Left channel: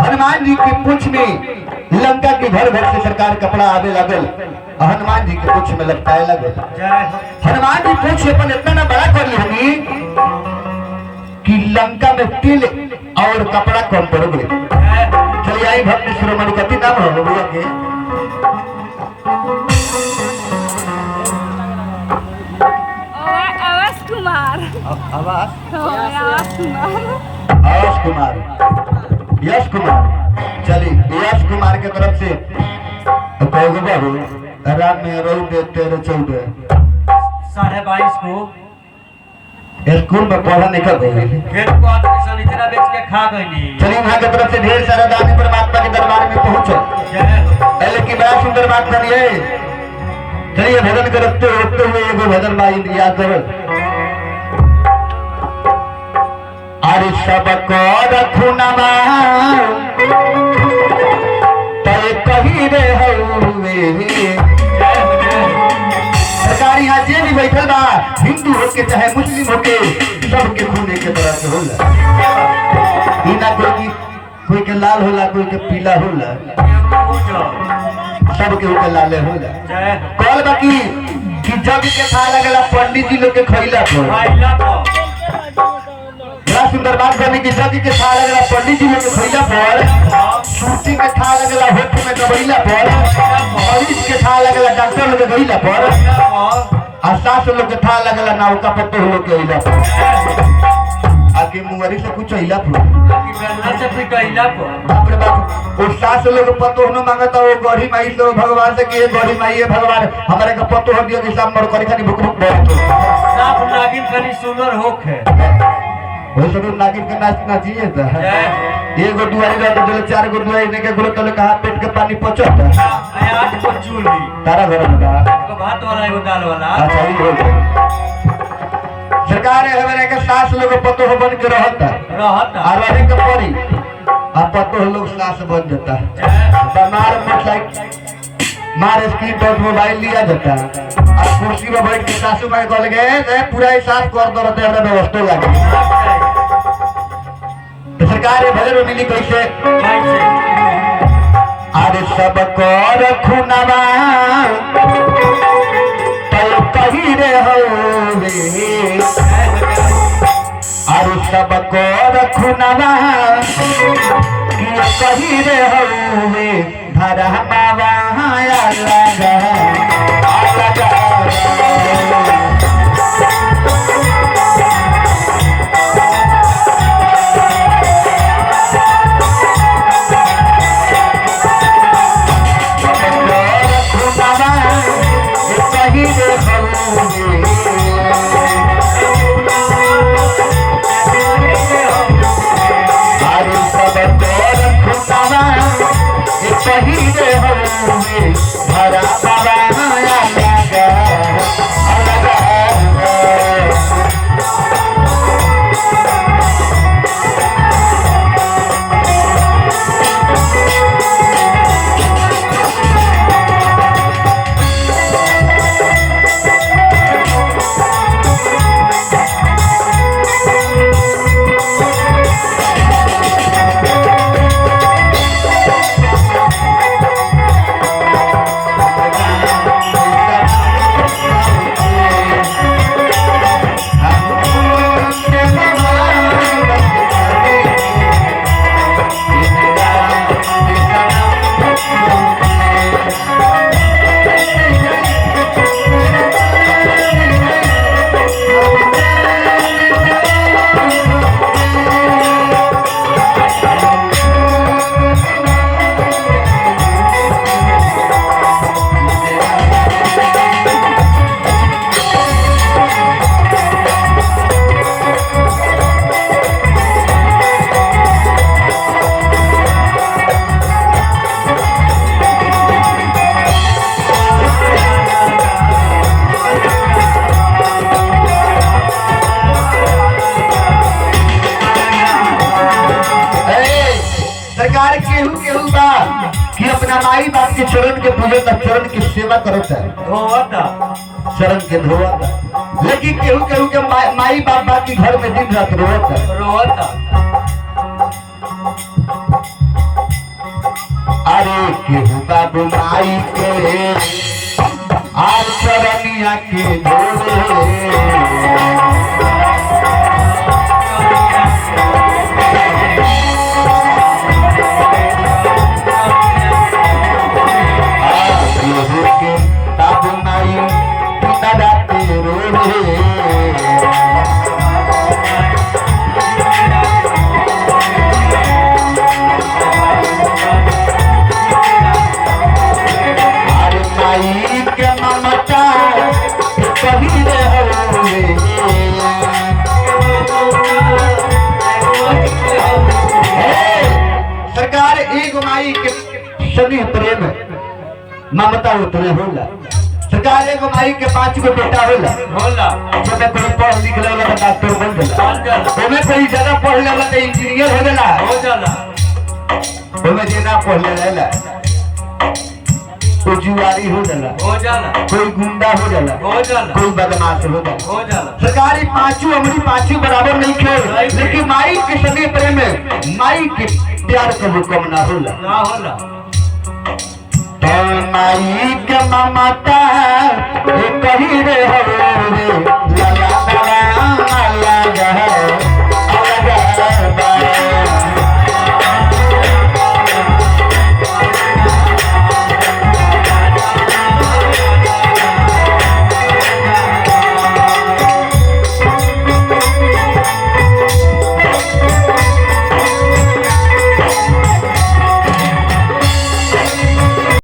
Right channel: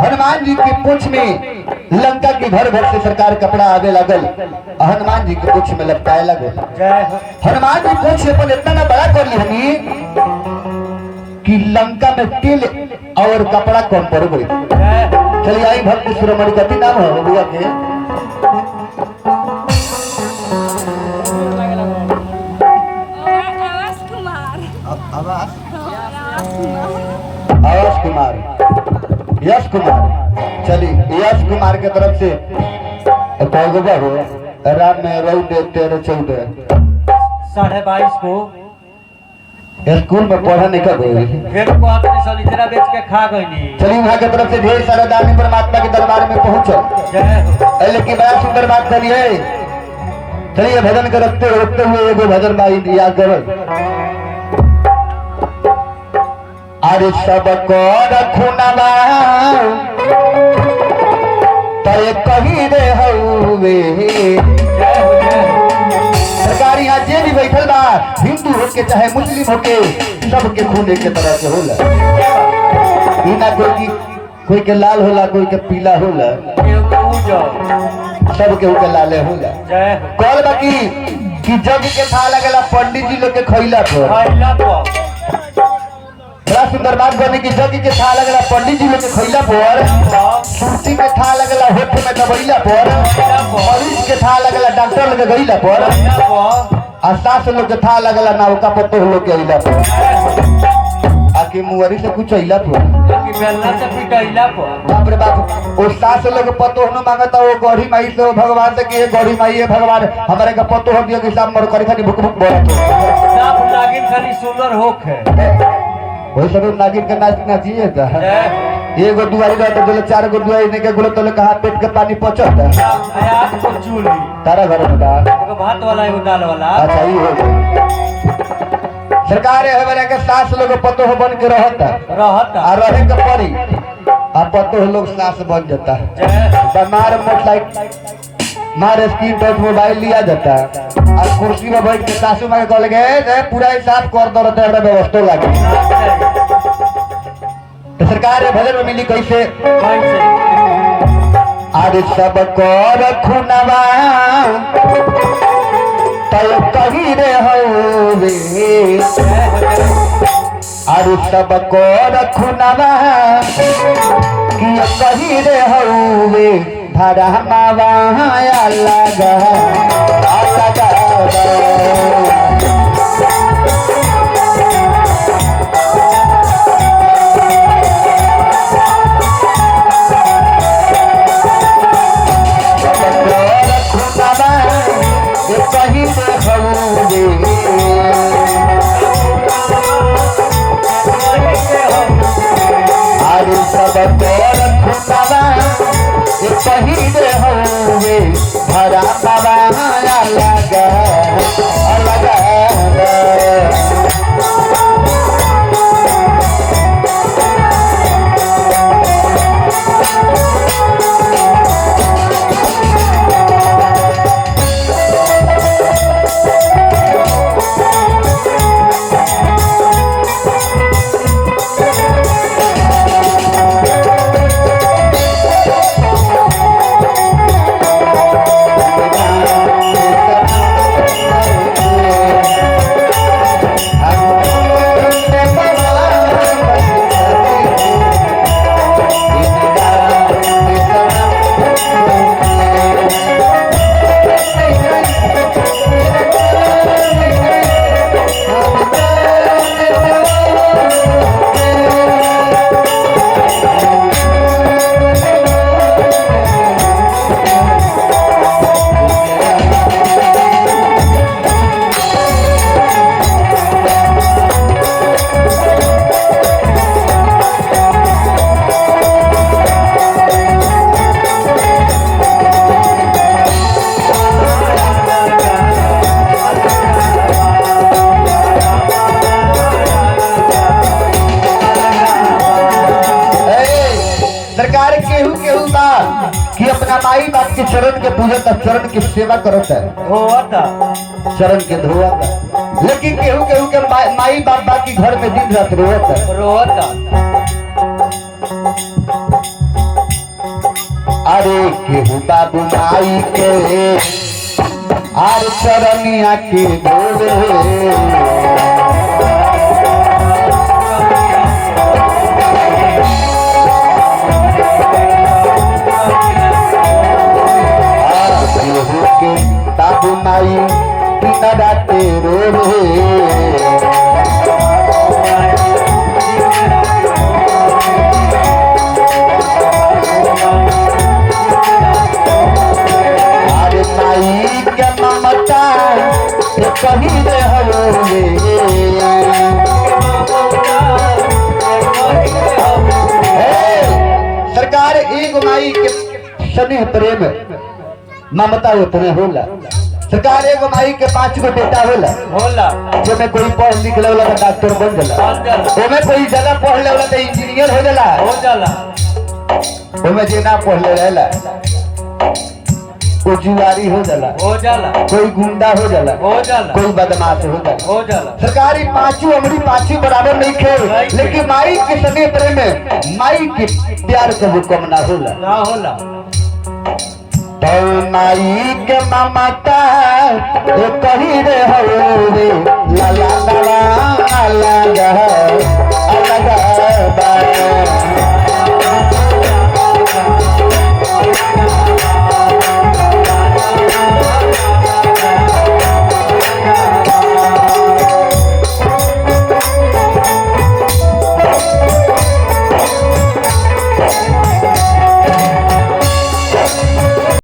हनुमान जी की पूंछ में लंका के घर घर से सरकार कपड़ा आवे लगल, हनुमान जी के पूंछ में लपटाए लगल। हनुमान जी पूंछ अपन इतना ना बड़ा कर ली कि लंका में तिल और कपड़ा कम पड़ गए। चलिए आई भक्त शिरोमणि कति नाम हो बबुआ के? आवास कुमार, यश कुमार। चलिए यश कुमार के तरफ से बाबू राम में रहू 13-14 22.5 को स्कूल में पढ़ा निकल गए, फिर को आदमी सलीचरा बेच के खा गई। चलिए वहाँ के तरफ से ढेर सारा दानी परमात्मा के दरबार में पहुंचो। लेकिन बड़ा सुंदर बात करिए। चलिए भजन करते हुए एगो भजन भाई याद करो। अरे सब रखुनवा तय कही रे हउवे। सरकार यहाँ जे भी बैठल बा, हिंदू हो के चाहे मुस्लिम हो के, सबके खून एक तरह से होला। ई ना कोई के लाल होला, कोई के पीला होला, सबके के लाले होला। कल बाकी कि जग के था लगला पंडित जी लोग के खैला पर बड़ा सुंदर बात करने की। जग के था लगला पंडित जी लोग के खैला पर, सूती के था लगला होठ में दबैला पर, मरीज के था लगला डॉक्टर लोग के गईला पर, और सास लोग के था लगला नावका पत्तो लोग के अइला पर, आके मुहरी से कुछ अइला पर, बेलना से पिटैला पर। बाप रे बाप। वो सास लोग पत्तो न मांगता, वो गढ़ी माई से भगवान से कि गढ़ी माई है भगवान हमारे का पत्तो हो दिया कि सब मर करे खाली भुक भुक बोलत हो। साफ नागिन खाली सुंदर होख है। वो सब नागिन के नाचिए था। एगो दुआरी रहता जो 4 गो दुआरी ने के गुलो तले कहा पेट के पानी पचत। 8 को चूल्ही तारा घर में बा एगो भात वाला एगो दाल वाला। अच्छा ये हो गया। सरकार है हमारे के सास लोग पत्तो हो बन के रहता और रहे के पड़ी, अब पत्तो लोग सास बन जाता है। बीमार मोटरसाइकिल मार स्क्रीन टच मोबाइल लिया जाता और कुर्सी में बैठ के सासू माँ कह गए पूरा ही साफ कर दो रहते व्यवस्था लगे। तो सरकार ये भजन में मिली कैसे? अरे सब रखुनवा तय कही रे हउवे। अरे सब रखुनवा कि कही रे हउवे। धरा मावा लगा शहीद होंगे भरा बाबा लगा लगा। कि अपना माई बाप के चरण के पूजन चरण की सेवा करता है, चरण के धोता। लेकिन केहू केहू के माई बाप की घर में दिन रात रोता। माई के आर चरनिया के धोले के ताबू माई पिता डाटे रोले अरे माई के ममता कहीं रे हवे सरकार एक माई के स्नेह प्रेम ममता उतने होला सरकार एगो माई के 5 गो बेटा होला जेमे कोई पढ़ लिख लेला तो डॉक्टर बन जाला ओमे कोई ज्यादा पढ़ लेला तो इंजीनियर हो जाला ओमे जे ना पढ़ लेला कोई जुआरी हो जाला कोई गुंडा हो जाला कोई बदमाश हो जाला सरकारी पांचों अमरी पांचों बराबर नहीं खेल लेकिन माई के सने प्रेम में माई के प्यार का हुक्म ना होला तो माई के ममता कहीं रे हवे लाला